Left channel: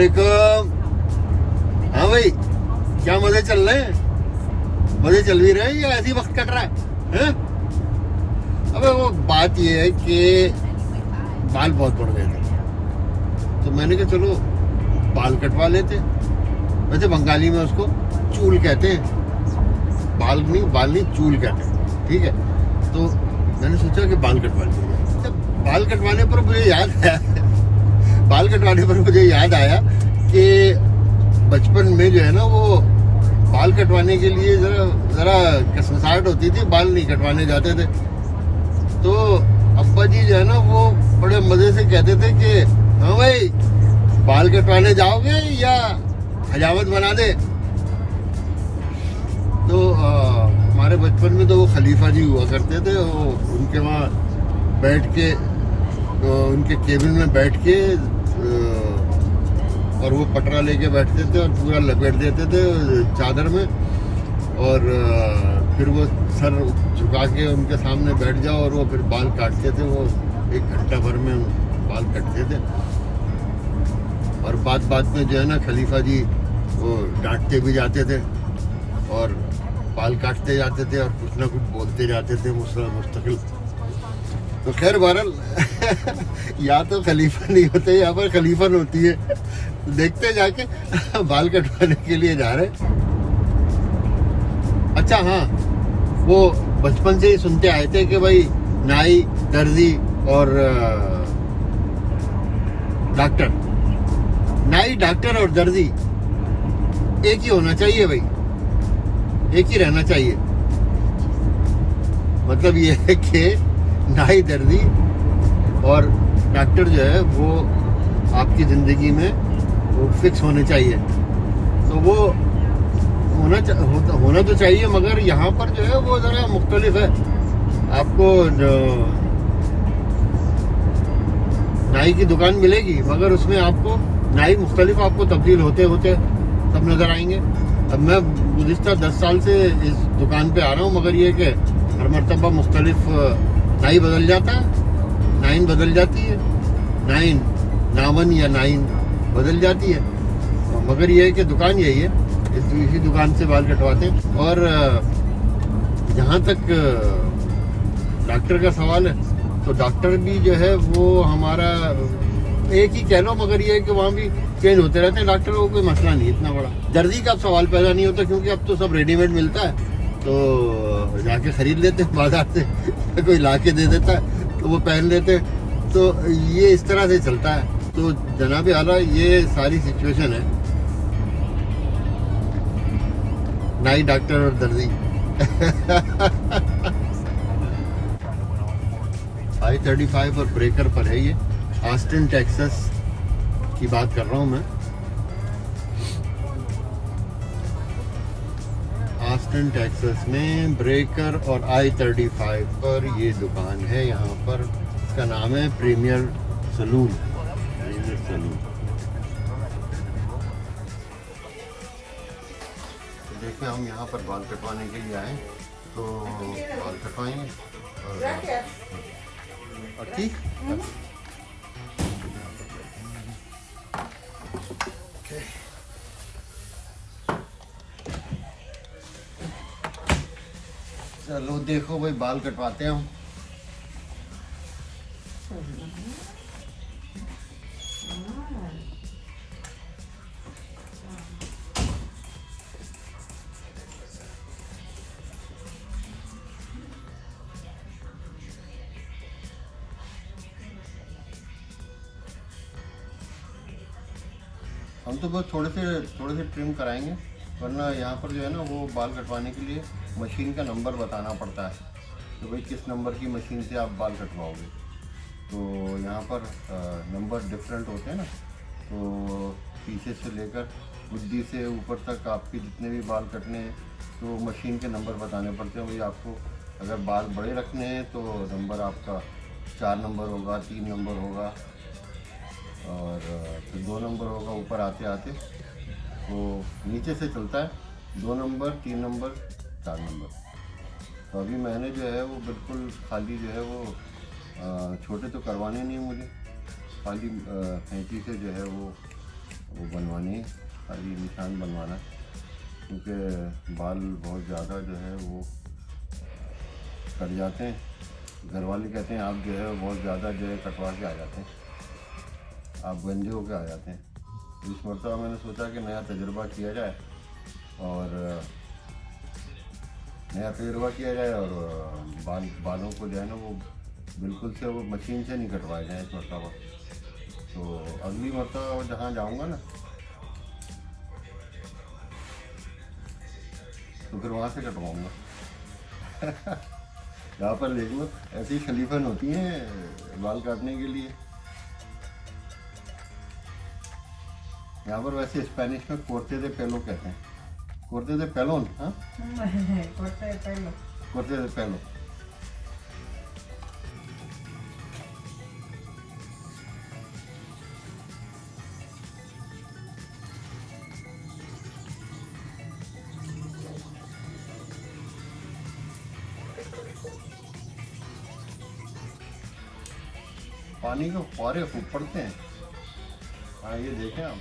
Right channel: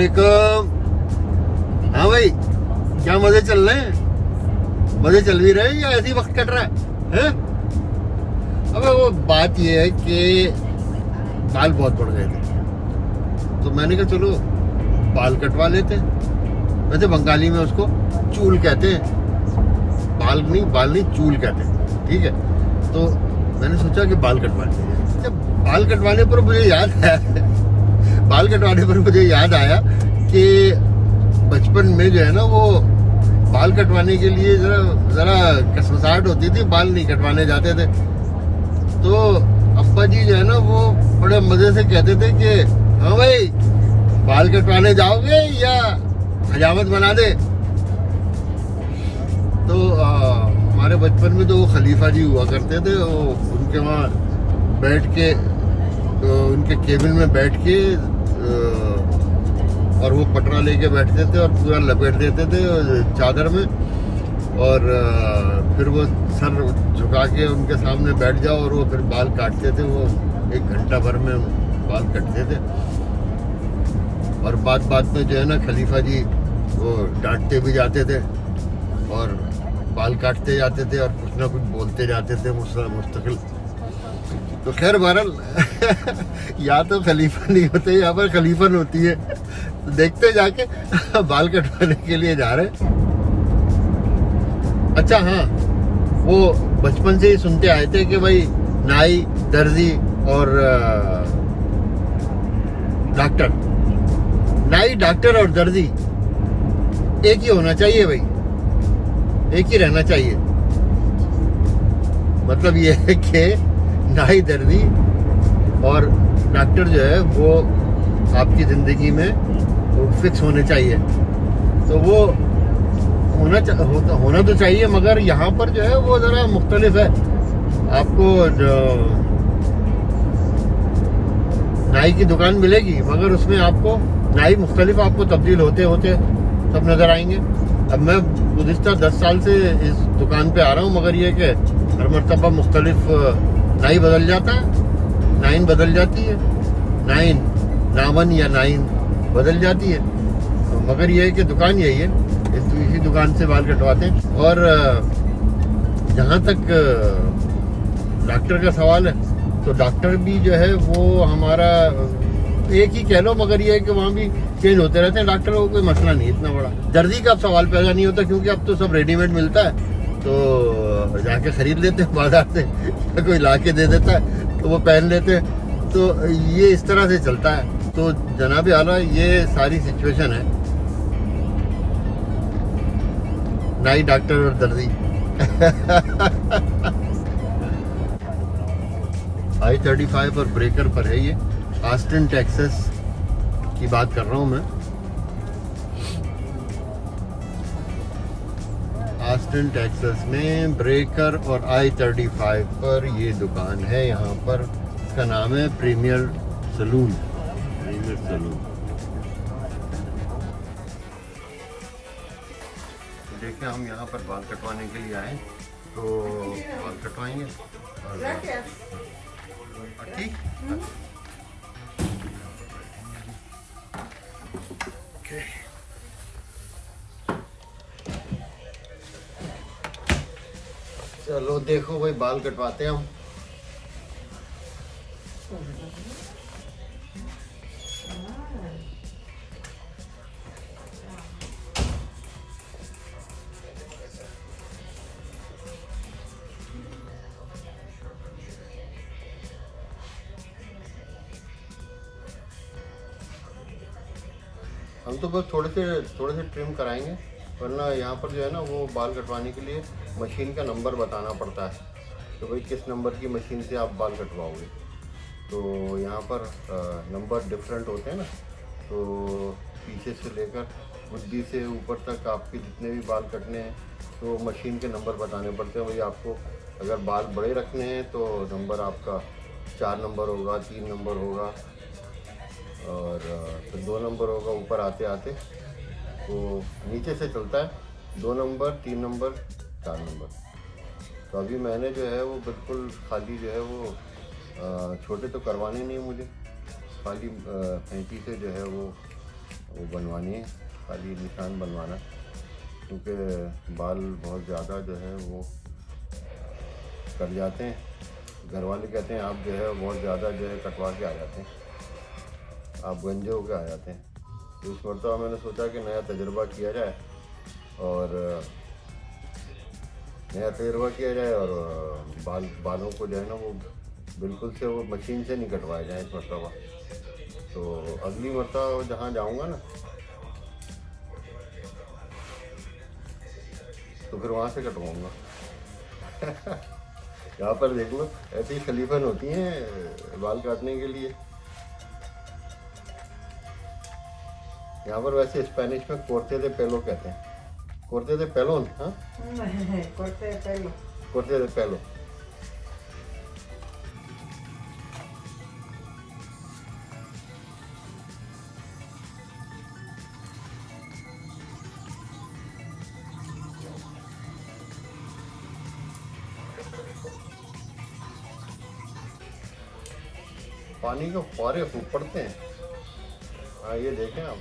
वालेकुम। हाँ भाई, क्या मजे चल रहे हैं? मजे चल भी रहे हैं या ऐसे ही वक्त कट रहा है? अब वो बात ये है कि बाल बहुत बढ़ गए थे, तो मैंने कहा चलो बाल कटवा लेते हैं। वैसे बंगाली में उसको चूल कहते हैं, बाल नहीं चूल कहते हैं, ठीक है। तो मैंने सोचा कि बाल कटवा लिए। जब बाल कटवाने पर मुझे याद आया कि बचपन में जो है ना, वो बाल कटवाने के लिए जरा कसमसाहट होती थी, बाल नहीं कटवाने जाते थे। तो अब्बा जी जो है ना, वो बड़े मजे से कहते थे कि हाँ भाई, बाल कटवाने जाओगे या हजामत बना दे। तो हमारे बचपन में तो वो खलीफा जी हुआ करते थे, वो उनके वहाँ बैठ के, उनके केबिन में बैठ के, और वो पटरा लेके बैठते थे और पूरा लपेट देते थे चादर में, और फिर वो सर झुका के उनके सामने बैठ जाओ और वो फिर बाल काटते थे। वो 1 घंटा भर में बाल कटते थे, और बात में जो है ना, खलीफा जी वो डांटते भी जाते थे और बाल काटते जाते थे और कुछ ना कुछ बोलते जाते थे मुस्तकिल। तो खैर बहरहाल या तो खलीफा नहीं होते, यहाँ पर खलीफन होती है। तो देखते जाके बाल कटवाने के लिए जा रहे। अच्छा हाँ, वो बचपन से ही सुनते आए थे कि भाई नाई, दर्जी और डॉक्टर, नाई, डॉक्टर और दर्जी एक ही होना चाहिए भाई, एक ही रहना चाहिए। मतलब ये है कि नाई, दर्जी और डॉक्टर जो है वो आपकी ज़िंदगी में वो फिक्स होने चाहिए। तो वो होना तो चाहिए, मगर यहाँ पर जो है वो ज़रा मुख्तलिफ है। आपको नाई की दुकान मिलेगी, मगर उसमें आपको नाई मुख्तलिफ आपको तब्दील होते सब नज़र आएंगे। अब मैं गुज़िश्ता 10 साल से इस दुकान पे आ रहा हूँ, मगर ये कि हर मरतबा मुख्तलिफ नाई बदल जाता है, नाइन बदल जाती है, नावन या नाइन बदल जाती है। मगर ये है कि दुकान यही है, इसी दुकान से बाल कटवाते हैं। और जहाँ तक डॉक्टर का सवाल है, तो डॉक्टर भी जो है वो हमारा एक ही कह लो, मगर ये है कि वहाँ भी चेंज होते रहते हैं डॉक्टर। को कोई मसला नहीं इतना बड़ा। दर्जी का अब सवाल पैदा नहीं होता, क्योंकि अब तो सब रेडीमेड मिलता है, तो जाके खरीद लेते हैं बाजार से, या कोई ला के दे देता है तो वो पहन लेते हैं। तो ये इस तरह से चलता है। तो जनाब आला, ये सारी सिचुएशन है नाई, डॉक्टर और दर्जी। I-35 और ब्रेकर पर है ये। ऑस्टिन टेक्सास की बात कर रहा हूँ मैं। ऑस्टिन टेक्सास में ब्रेकर और I-35 पर ये दुकान है। यहाँ पर इसका नाम है प्रीमियर सलून। देखिए, हम यहाँ पर बाल कटवाने के लिए आए, तो बाल कटवाएंगे। और ठीक चलो देखो भाई, बाल कटवाते हैं हम। हम तो बस थोड़े से ट्रिम कराएंगे, वरना यहाँ पर जो है ना, वो बाल कटवाने के लिए मशीन का नंबर बताना पड़ता है। तो भाई किस नंबर की मशीन से आप बाल कटवाओगे, तो यहाँ पर नंबर डिफरेंट होते हैं ना। तो पीछे से लेकर बुद्धि से ऊपर तक आपके जितने भी बाल कटने हैं, तो मशीन के नंबर बताने पड़ते हैं। वही आपको अगर बाल बड़े रखने हैं तो नंबर आपका 4 नंबर होगा, 3 नंबर होगा, और फिर 2 नंबर होगा ऊपर आते आते। तो नीचे से चलता है 2 नंबर, 3 नंबर, 4 नंबर। तो अभी मैंने जो है वो बिल्कुल खाली जो है वो छोटे तो करवाने नहीं है मुझे, खाली हैंकी से जो है वो वो बनवानी है, खाली निशान बनवाना, क्योंकि बाल बहुत ज़्यादा जो है वो कट जाते हैं। घर वाले कहते हैं आप जो है बहुत ज़्यादा जो है कटवा के आ जाते हैं, आप गंजे होके आ जाते हैं। तो इस मरतबा मैंने सोचा कि नया तजुर्बा किया जाए और बालों को जो है ना वो बिल्कुल से वो मशीन से नहीं कटवाए जाए इस मरतबा। तो अगली मरतबा जहाँ जाऊँगा ना तो फिर वहाँ से कटवाऊँगा। यहाँ पर देख लो ऐसी खलीफन होती हैं बाल काटने के लिए। यहाँ पर वैसे स्पेनिश में कोर्ते दे पेलो कहते हैं, कोर्ते दे पेलोन। हाँ कोर्ते दे पेलो। पानी के फुहारे खूब पड़ते हैं। हाँ ये देखें आप,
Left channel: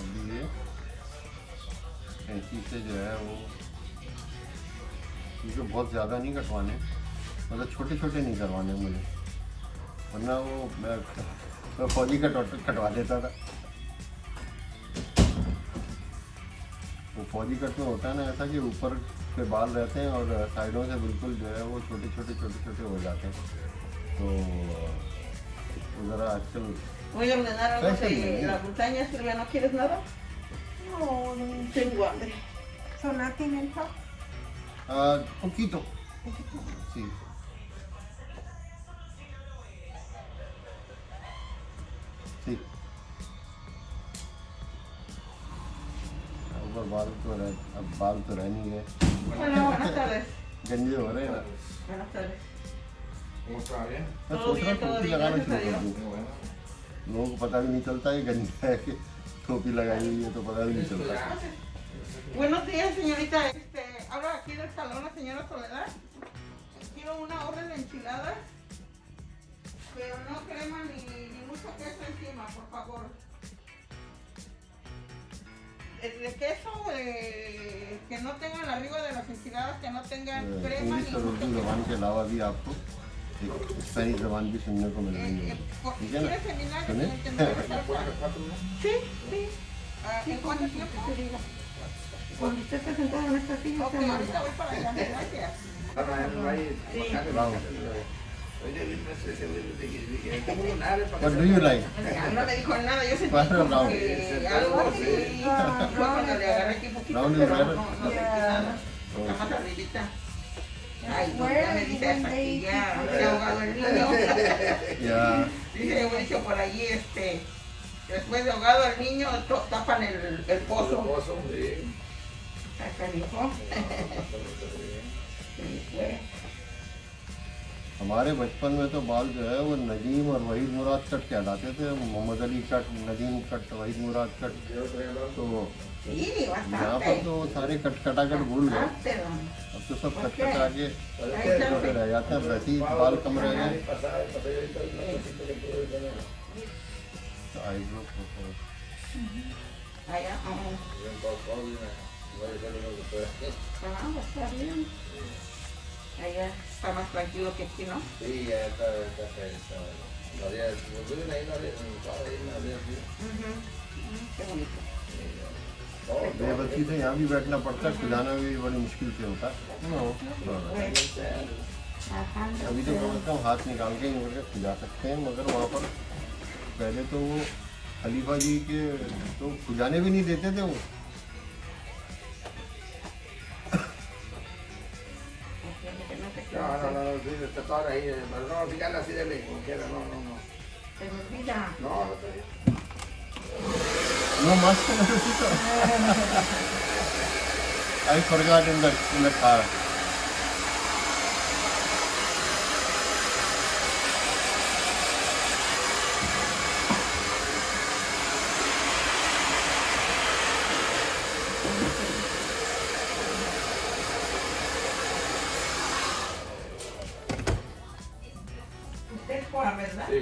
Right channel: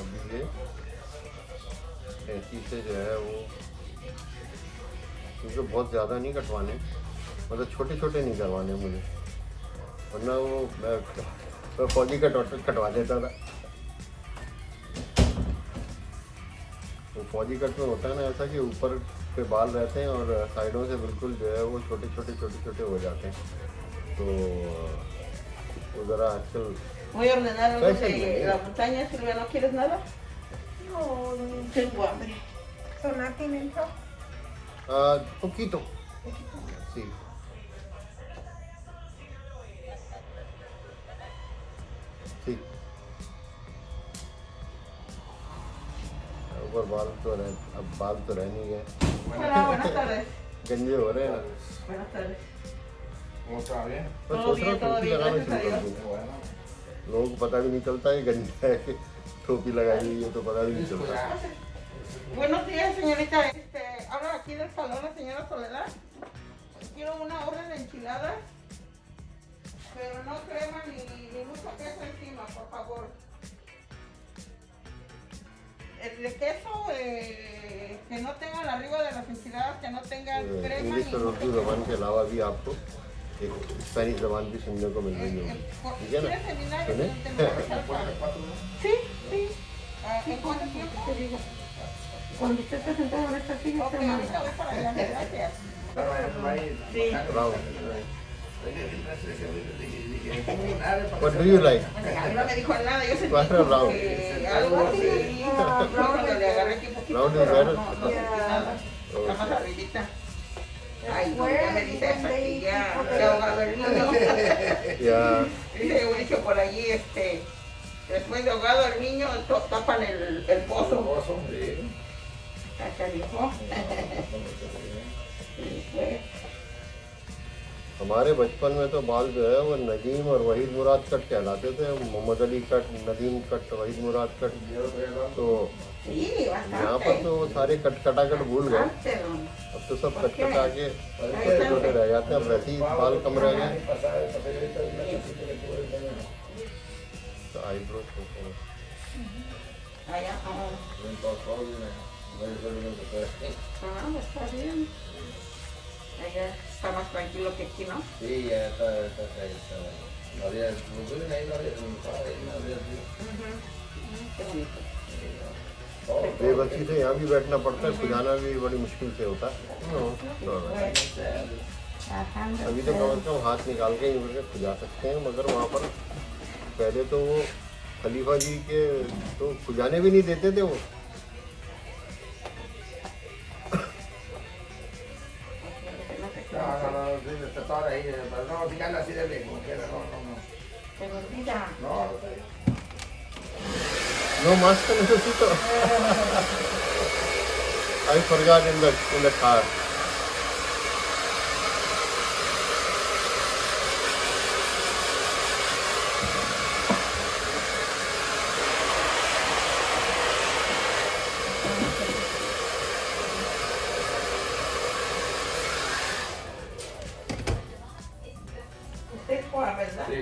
अभी ये ऐसी से जो है वो, क्योंकि बहुत ज़्यादा नहीं कटवाने, मतलब छोटे छोटे नहीं करवाने मुझे, वरना वो मैं फौजी कटवा देता था। वो फौजी कट में होता है ना ऐसा कि ऊपर पे बाल रहते हैं और साइडों से बिल्कुल जो है वो छोटे छोटे हो जाते हैं। तो वो ज़रा आजकल Voy a ordenar algo de la montaña, Silvia, ¿no quieres nada? No, Tengo hambre. sonar pimiento. poquito. Sí. Sí. ऊपर बाल तो रहे, अब बाल तो रह नहीं गए, Buenas tardes. गंजे हो रहे हैं ना। Buenas tardes. मैं सोच रहा हूँ टोपी लगाना शुरू कर दूँ, लोगों को पता भी नहीं चलता ये गंजा है कि टोपी लगाई हुई है, तो पता भी नहीं चलता। Buenos días, señorita. Habla aquí del salón la señora Soledad. Quiero una orden de enchiladas, pero no crema ni mucho queso encima, por favor. De queso, que no tengan arriba de las enchiladas, que no tengan crema English और उर्दू ज़बान के अलावा भी आपको एक Spanish ज़बान भी सुनने को मिल रही होगी, ठीक है ना? सुने? Sí, sí. ¿En cuánto tiempo te diga? Cuando esté presentado en esta silla, ok, ahorita voy para allá. Gracias. Sí. What do you like? No me dijo nada, yo sentí Cuatro como round. que algo así. Porque le agarré aquí poquito. Round is better. Nada más arribita. Ay, ya me dice esa aquí, ya se ha ahogado el niño. Yeah. Dice un dicho por allí, después de ahogado el niño, tapan el pozo. Ese dijo. Sí, pues. हमारे बचपन में तो बाल जो है वो नदीम और वहीद मुराद cut कहलाते थे, मोहम्मद अली कट, नदीम कट, वहीद मुराद कट। तो Sí, यहाँ पर bastante. तो सारे कटाकट भूल गए, Bastante, don. अब तो सब कटा के छोटे छोटे रह जाते हैं, अब वैसे ही बाल कम रह गए। तो eyebrow Allá, está bien. Allá está más tranquilo que aquí, ¿no? Sí, ya está. बेबसी से यहाँ भी बैठना पड़ता है, खुजाना भी बड़ी मुश्किल से होता है। अभी तो कम से कम हाथ निकाल के यूँ करके खुजा सकते हैं, मगर वहाँ पर पहले तो वो खलीफा जी के तो खुजाने भी नहीं देते थे वो। Está toda ahí, no, díganle así de lejos, no quiero, no. Pero mira, No mask necesito. I forgot in the car. ¿usted cuál? Sí.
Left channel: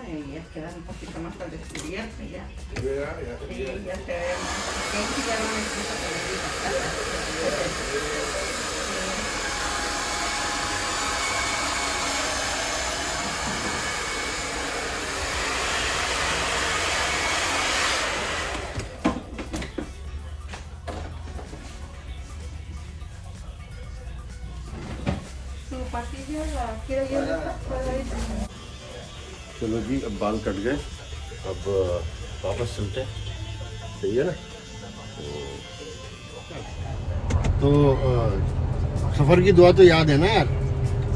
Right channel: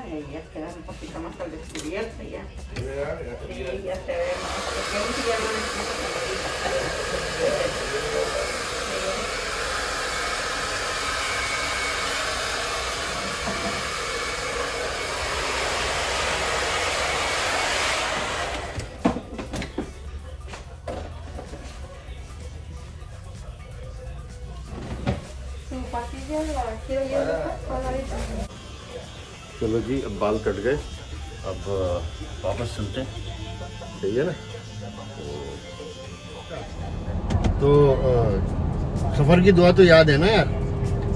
Ay, ya queda un poquito más al descubierto ya. Mira, mira, mira. Y ya se ve. Porque ahí sí ya no necesito. Su pasilla la quiero ir colorita. चलो जी, अब बाल cut गए, अब वापस चलते हैं। सही है ना? तो सफ़र की दुआ तो याद है ना यार।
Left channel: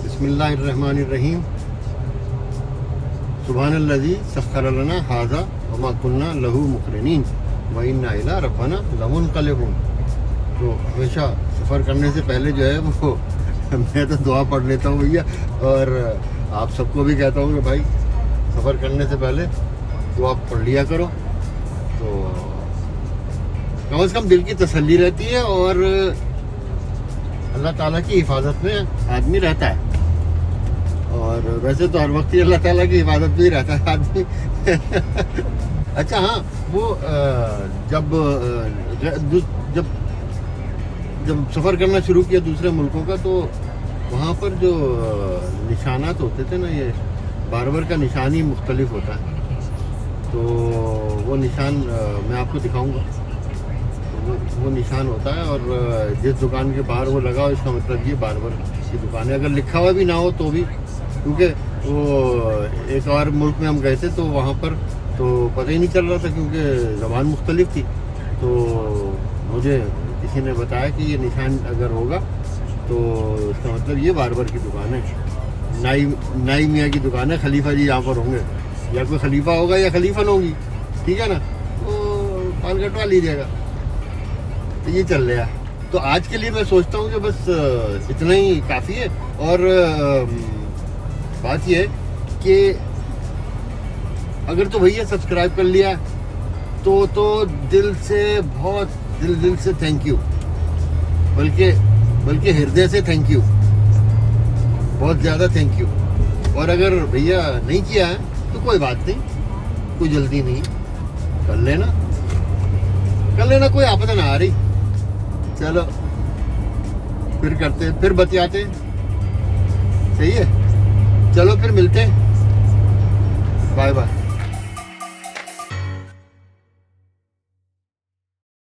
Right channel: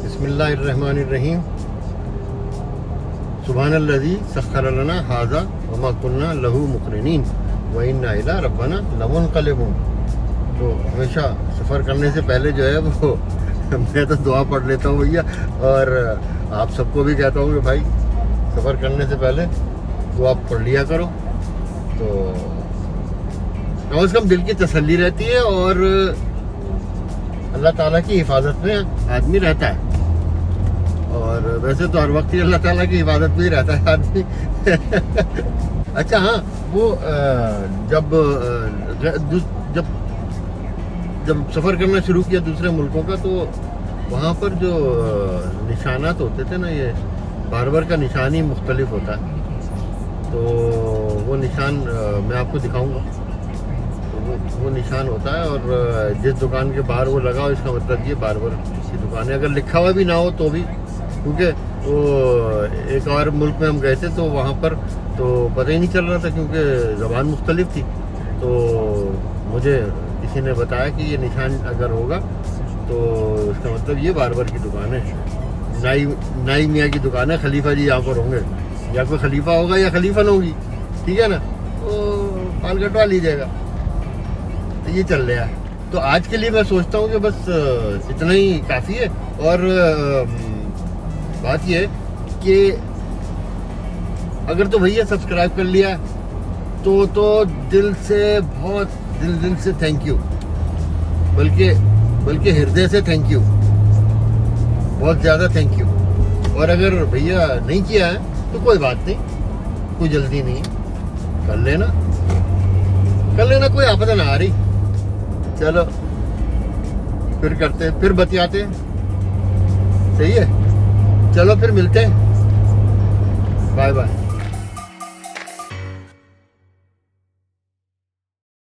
बिस्मिल्लाहिर्रहमानिर्रहीम। सुब्हानल्लज़ी सख्खर लना हाज़ा वमा कुन्ना लहू मुक़रिनीन व इन्ना इला रब्बना लमुनक़लिबून। तो हमेशा सफ़र करने से पहले जो है वो मैं तो दुआ पढ़ लेता हूँ भैया, और आप सबको भी कहता हूँ कि भाई सफ़र करने से पहले दुआ पढ़ लिया करो, तो कम से कम दिल की तसल्ली रहती है और अल्लाह ताला की हिफाजत में आदमी रहता है। और वैसे तो हर वक्त ही अल्लाह ताला की हिफाजत में ही रहता है आदमी। अच्छा हाँ, वो जब जब जब सफ़र करना शुरू किया दूसरे मुल्कों का, तो वहाँ पर जो निशानात होते थे ना, ये बारबर का निशान ही मुख्तलिफ होता है। तो वो निशान मैं आपको दिखाऊंगा। तो वो निशान होता है, और जिस दुकान के बाहर वो लगा हो इसका मतलब ये बारबर की दुकान है। अगर लिखा हुआ भी ना हो तो भी, क्योंकि वो एक और मुल्क में हम गए थे तो वहाँ पर तो पता ही नहीं चल रहा था क्योंकि ज़बान मुख्तलिफ थी। तो मुझे किसी ने बताया कि ये निशान अगर होगा तो इसका मतलब ये बारबर की दुकान है, नाई मियाँ की दुकान है। खलीफा जी यहाँ पर होंगे, या कोई खलीफा होगा या खलीफन होगी, ठीक है ना? तो बाल कटवा लीजिएगा। तो ये चल रहा है। तो आज के लिए मैं सोचता हूँ कि बस इतना ही काफ़ी है। और बात ये है कि अगर तो भैया सब्सक्राइब कर लिया तो दिल से, बहुत दिल से थैंक यू, बल्कि हृदय से थैंक यू, बहुत ज़्यादा थैंक यू। और अगर भैया नहीं किया है तो कोई बात नहीं, कोई जल्दी नहीं, कर लेना, कोई आपदा ना आ रही। चलो फिर करते, फिर बतियाते, सही है? चलो फिर मिलते हैं, बाय बाय।